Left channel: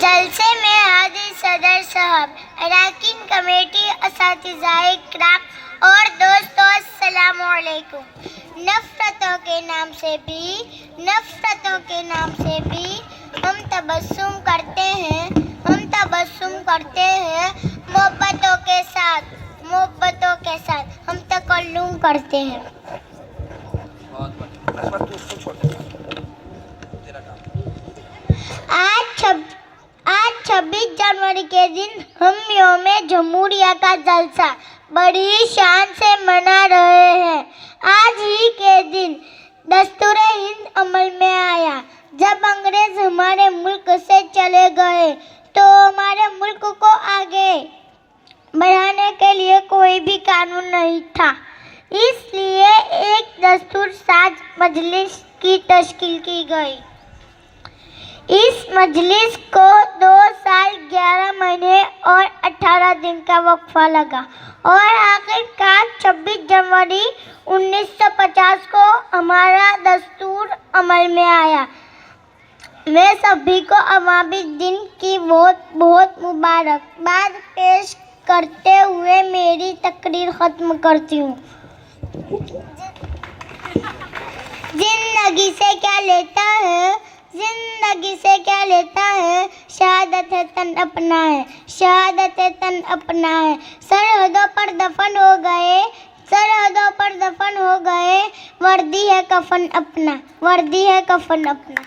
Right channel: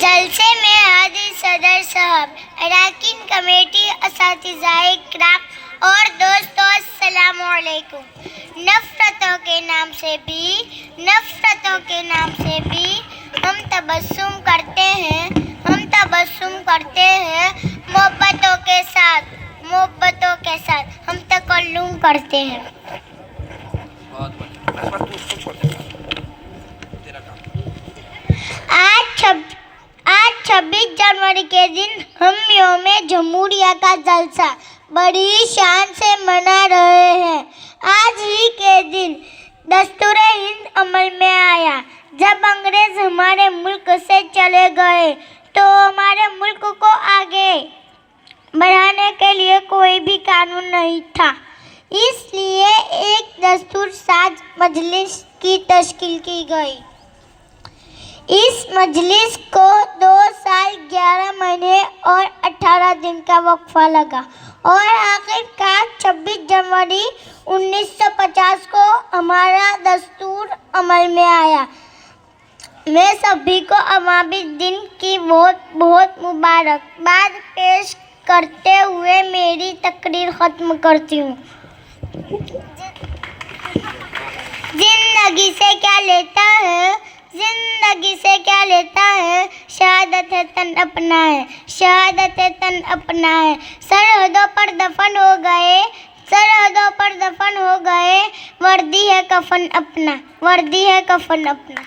جلسے میں حاضر صدر صاحب، اراکین کمیٹی، اساتذۂ کرام اور دوستوں، السلام علیکم۔ نفرتوں کے نام سے بھی ہم تبسم کرتے ہیں، محبتوں کے ساتھ ہم تکلم کرتے ہیں۔ آج 26 جنوری کے دن ہم یوم جمہوریہ کا جلسہ بڑی شان سے منا رہے ہیں۔ آج ہی کے دن دستور ہند عمل میں آیا۔ جب انگریز ہمارے ملک سے چلے گئے تو ہمارے ملک کو آگے بڑھانے کے لیے کوئی بھی قانون نہیں تھا، اس لیے ایک دستور ساز مجلس کی تشکیل کی گئی۔ اس مجلس کو 2 سال 11 مہینے اور 18 دن کا وقفہ لگا اور آخر کار 26 جنوری 1950 کو ہمارا دستور عمل میں آیا۔ میں سبھی کو عوامی دن کی بہت بہت مبارکباد پیش کرتے ہوئے میری تقریر ختم کرتی ہوں۔ زندگی سے کیا لیتا ہے، شہادت تن اپنا ہے، سرحدوں پر دفن ہو گئے، وردی ہے کفن اپنا۔